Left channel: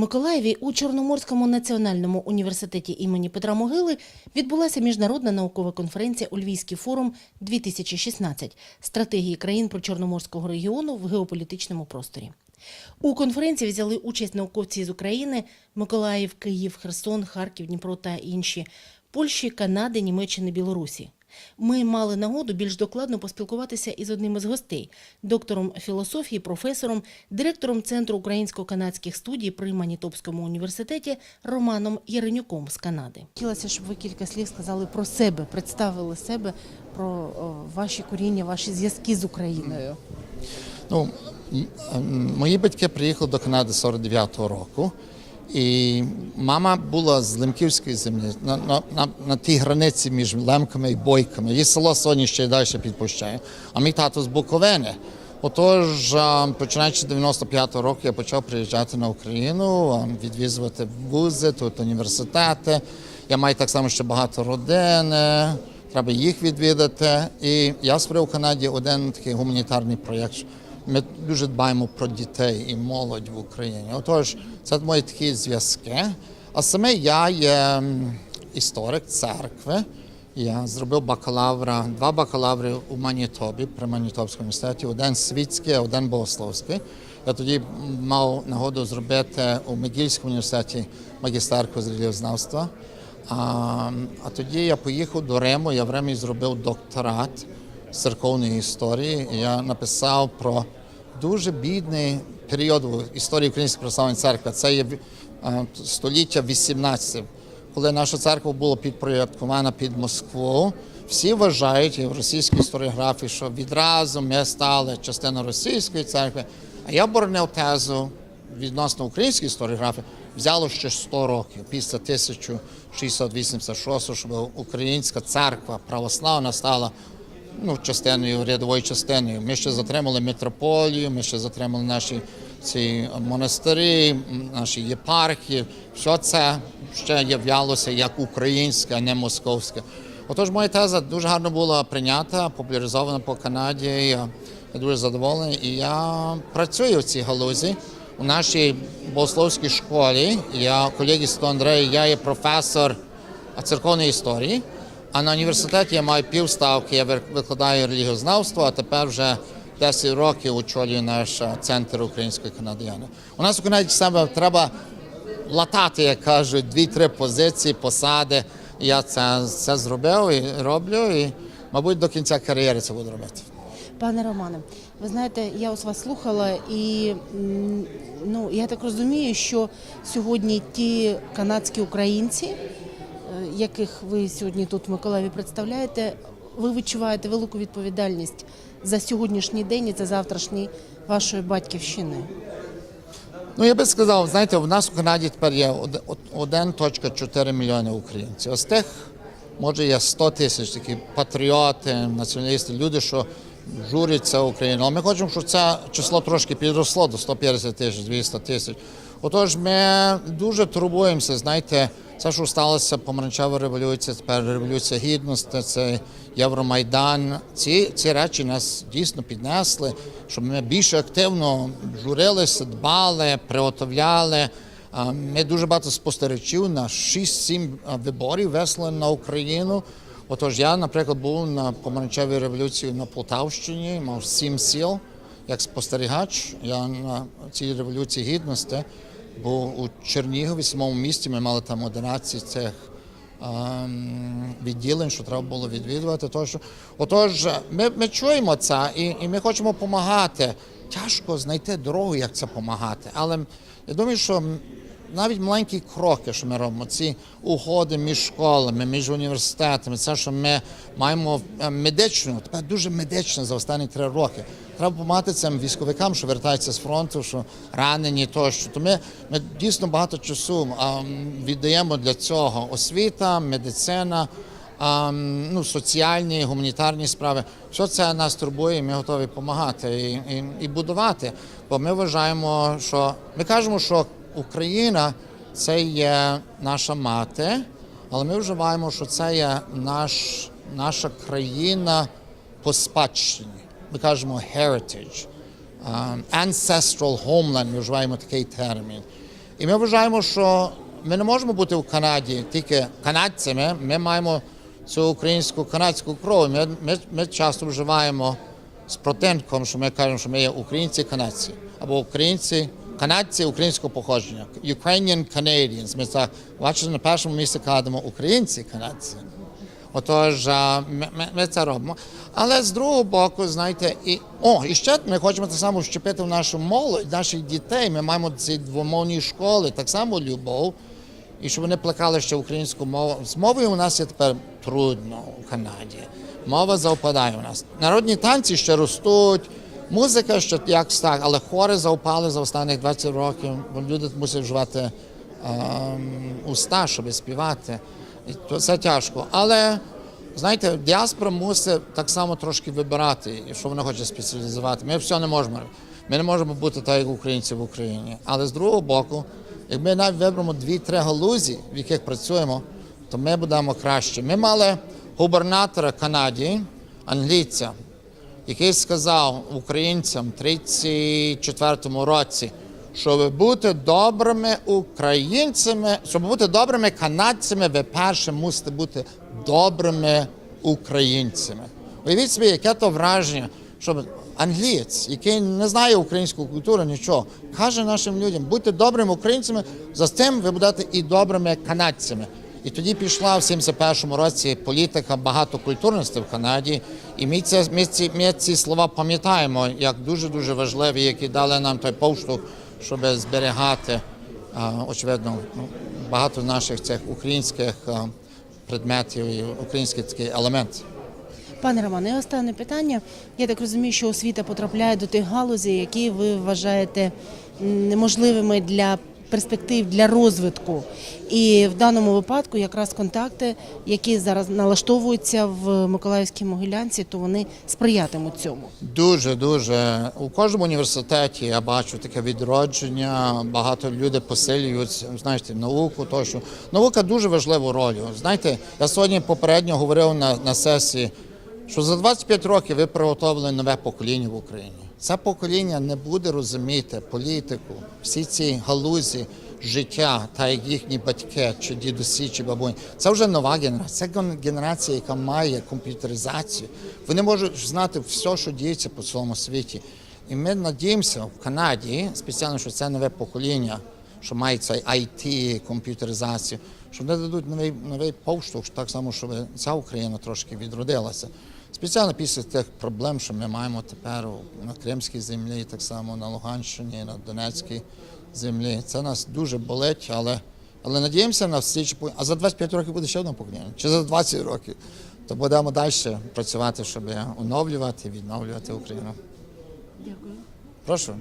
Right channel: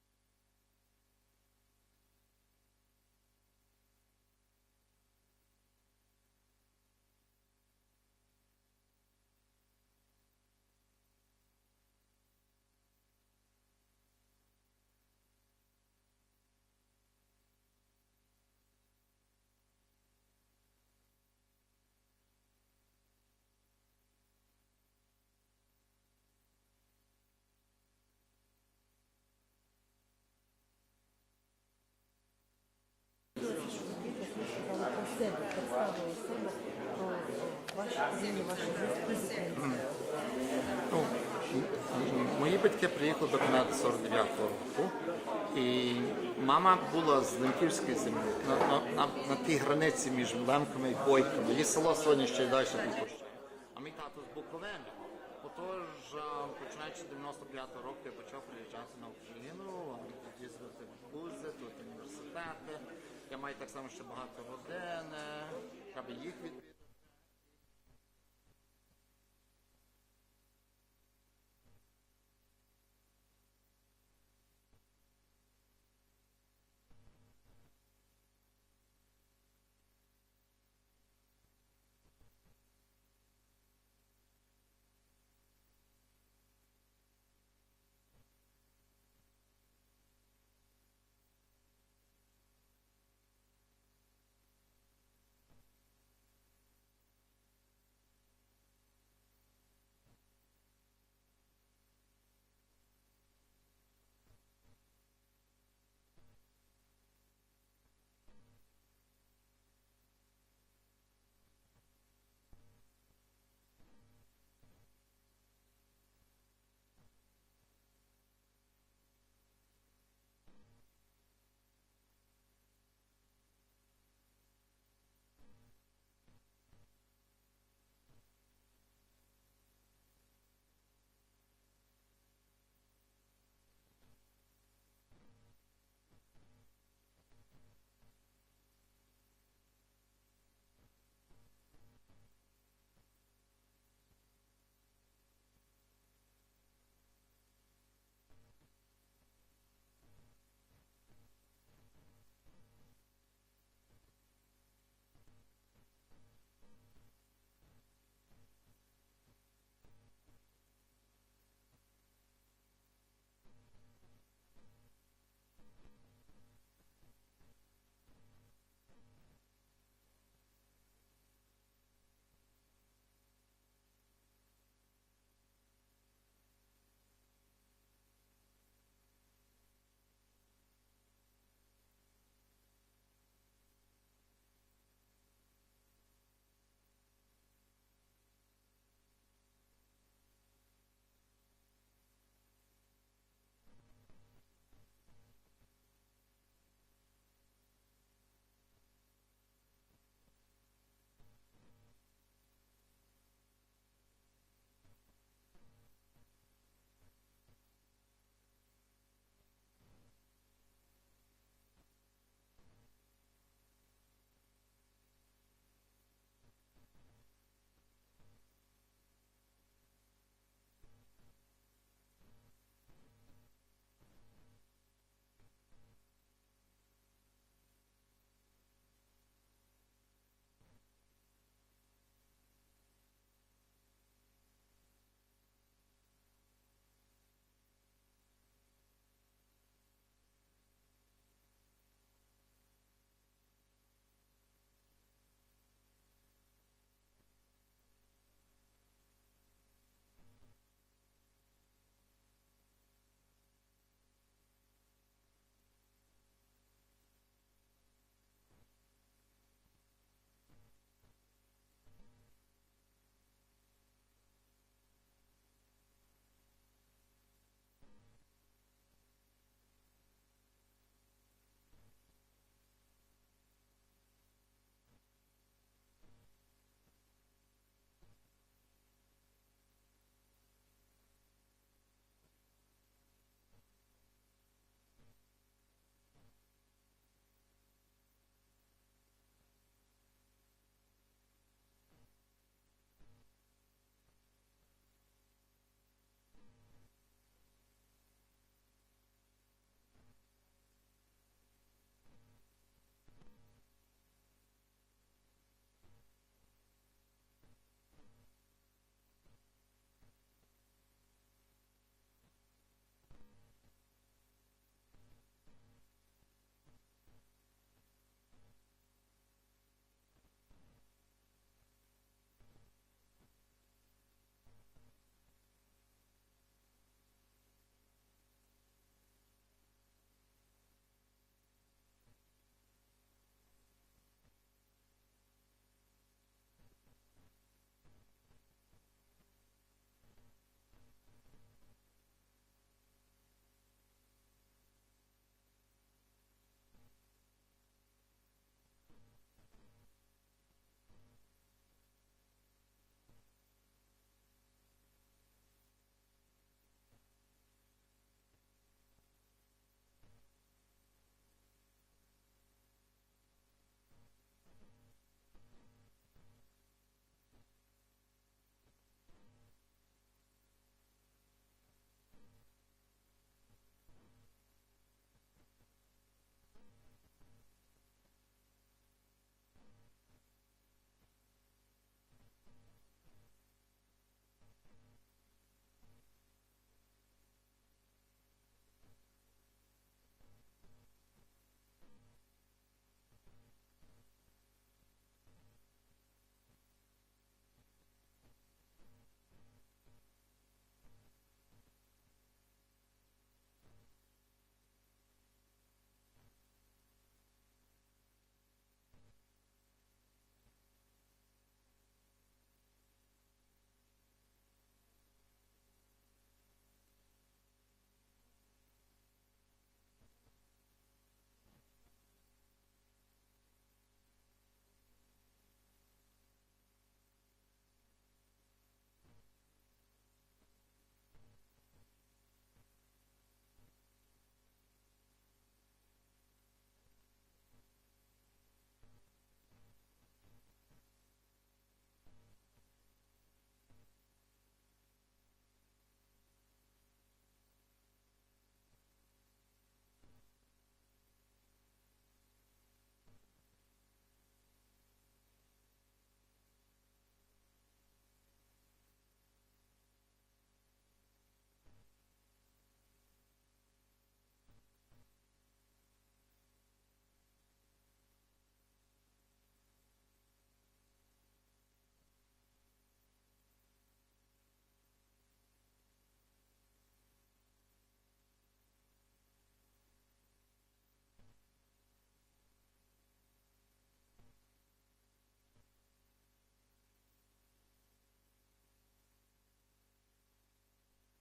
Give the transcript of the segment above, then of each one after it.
Миколаєві у Чорноморському національному університеті імені Петра Могили відбулася міжнародна наукова конференція у Львівський форум 2016 стратегії країн про Чорноморського регіону в геополітичному просторі. У конференції взяли участь науковці з України Миколаїв, Київ, Херсон, Харків, Дніпро та інші Польщі, Канади, Німеччини, Білорусі. Ми мали нагоду більш докладно поспілкуватися із одним із гостей, доктором філософії, професором, директором Центру українсько-канадських студій при Манітопському університеті Романом Яренюком з Канади. Хотілося, щоб ви кілька слів сказали про себе, представили себе, про ваші коріння, ваші зв'язки з Україною. Ну, мої батьки приїхали до Канади 49-го року, і мама була з Лемківської землі на, на, на, тій границі між Лемками і Бойками. Її село сьогодні ще й далі підпущає. А мій тато з Буковини. Отож, починаючи з 95-го року, я почав приїжджати на Україну, а, відвідувати вузи, тут університети. Я маю так само ще багато родини, треба їх відвідати. І я створив в Канаді один такий гуманітарний проєкт. Ми дуже дбаємо про дітей і молодь в Україні. Отож, це мої такі зв'язки. А саме я є історик церкви. Я зробив бакалавра, два бакалаври у Манітобі при Манітопському університеті, один світський, один богословський. Я тоді мав нагоду зробити у Мегільському університеті магістерку з релігіознавства. А, а тоді я поїхав до Риму, я в Римі зробив докторат церковної історії. Я написав про дуже бідний період в історії Української православної церкви. Це є е, століття 18, коли наша церква була підпорядкована під Москву. Всі вважають в російській історіографії, що відразу ми стали частиною російської церкви. А я боронив тезу відносно української історіографії, взяло ще 100 років після 1686, щоб українська церква православна стала ну, частиною, рядовою частиною. Ми ще затримали митрополію, ми ще затримали наші ці монастирі, наші єпархії. Все це ще являлося як українське, а не московське. Отож, моя теза дуже гарно була прийнята, популяризована по Канаді. Я, дуже задоволений. І я працюю в цій галузі. У нашій богословській школі я колеги з Андрея, я є професор церковної історії. А на університеті я маю півставки, я вик- викладаю релігіознавство, а тепер вже 10 років очолюю наш центр української канадіяни. У нас у Канаді себе треба латати, як кажуть, дві-три позиції, посади. Я це, це зробив і роблю, і, мабуть, до кінця кар'єри це буду робити. Пане Романе, ви знаєте, я ось вас слухала, і ну я так розумію, що сьогодні ті канадські українці, е, яких ви сьогодні тут в Миколаєві представляєте, ви відчуваєте велику відповідальність за сьогоднішній день і за завтрашній вашої батьківщини. Ну, я би сказав, знаєте, у нас у Канаді тепер є од- од- 1,4 мільйони українців. З тих, може, є 100 тисяч такі патріоти, націоналісти, люди, що журяться Україну. Але ми хочемо, щоб це число трошки підросло до 150 тисяч, 200 тисяч. Отож, ми дуже турбуємося, знаєте, це, що сталося, помаранчева революція, тепер революція гідності, це Євромайдан. Ці, ці речі нас дійсно піднесли, щоб ми більше активно журилися, дбали, приготовляли. Ми дуже багато спостерігачів на 6-7 виборів весли на Україну. Отож, я, наприклад, був на помаранчевій революції на Полтавщині, мав сім сіл як спостерігач. Я на цій революції гідності був у Чернігові, самому місті. Ми мали там 11 цих ем, відділень, що треба було відвідувати. Тож, отож, ми, ми чуємо це і, і ми хочемо допомагати. Тяжко знайти дорогу, як це допомагати. Але я думаю, що навіть маленькі кроки, що ми робимо, ці угоди між школами, між університетами, це, що ми маємо е, медичну, тепер дуже медична за останні три роки. Треба допомагати цим військовикам, що вертаються з фронту, що ранені тощо. То ми, ми дійсно багато часу віддаємо для цього освіта, медицина. а, Ну, соціальні, гуманітарні справи, все це нас турбує, і ми готові допомагати і, і, і будувати. Бо ми вважаємо, що ми кажемо, що Україна це є наша мати, але ми вважаємо, що це є наш, наша країна по спадщині. Ми кажемо heritage, um, ancestral homeland, ми вживаємо такий термін. І ми вважаємо, що ми не можемо бути в Канаді тільки канадцями. Ми маємо цю українську канадську кров. Ми, ми, ми часто вживаємо з протинком, що ми кажемо, що ми є українці канадці або українці. Канадці українського походження, Ukrainian Canadians. Ми так бачите, на першому місці кладемо українці канадці. Отож, ми, ми, це робимо. Але з другого боку, знаєте, і о, і ще ми хочемо так само вщепити в нашу молодь, наших дітей. Ми маємо ці двомовні школи, так само любов, і щоб вони плекали ще українську мову. З мовою у нас є тепер трудно у Канаді. Мова завпадає у нас. Народні танці ще ростуть, музика ще як так, але хори завпали за останніх 20 років, бо люди мусять вживати ем, уста, щоб співати. І це тяжко. Але знаєте, діаспора мусить так само трошки вибирати, що вона хоче спеціалізувати. Ми все не можемо. Ми не можемо бути так, як українці в Україні. Але з другого боку, як ми навіть виберемо дві-три галузі, в яких працюємо, то ми будемо краще. Ми мали губернатора Канаді, англійця, який сказав українцям в 34-му році, щоб бути добрими українцями, щоб бути добрими канадцями, ви перше мусите бути добрими українцями. Уявіть собі, яке то враження, щоб англієць, який не знає українську культуру, нічого, каже нашим людям, будьте добрими українцями, за тим ви будете і добрими канадцями. І тоді пішла в 71-му році політика багатокультурності в Канаді. І ми, це, ми, ці, ми ці слова пам'ятаємо як дуже-дуже важливі, які дали нам той поштовх, щоб зберігати, очевидно, ну, багато наших цих українських предметів і український такий елемент. Пане Романе, останнє питання. Я так розумію, що освіта потрапляє до тих галузей, які ви вважаєте неможливими для перспектив для розвитку. І в даному випадку якраз контакти, які зараз налаштовуються в Миколаївській Могилянці, то вони сприятимуть цьому. Дуже дуже у кожному університеті я бачу таке відродження. Багато людей посилюють знаєте, науку. Тощо наука дуже важливу роль. Знаєте, я сьогодні попередньо говорив на, на сесії, що за 25 років ви приготовили нове покоління в Україні. Це покоління не буде розуміти політику, всі ці галузі життя, та як їхні батьки, чи дідусі, чи бабуні. Це вже нова генерація. Це генерація, яка має комп'ютеризацію. Вони можуть знати все, що діється по цілому світі. І ми надіємося в Канаді, спеціально, що це нове покоління, що має цей IT, комп'ютеризацію, що вони дадуть новий, новий поштовх, так само, щоб ця Україна трошки відродилася. Спеціально після тих проблем, що ми маємо тепер на Кримській землі, так само на Луганщині, на Донецькій землі. Це нас дуже болить, але, але надіємося на всі. чи А за 25 років буде ще одне покоління, чи за 20 років. То будемо далі працювати, щоб оновлювати, відновлювати Україну. Дякую. Прошу.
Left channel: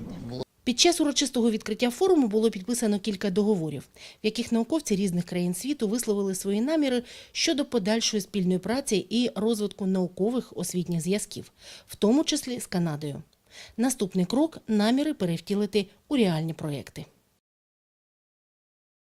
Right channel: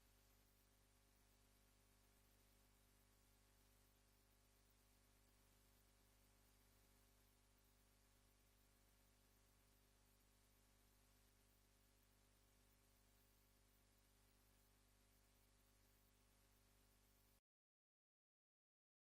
Під час урочистого відкриття форуму було підписано кілька договорів, в яких науковці різних країн світу висловили свої наміри щодо подальшої спільної праці і розвитку наукових освітніх зв'язків, в тому числі з Канадою. Наступний крок наміри перевтілити у реальні проекти.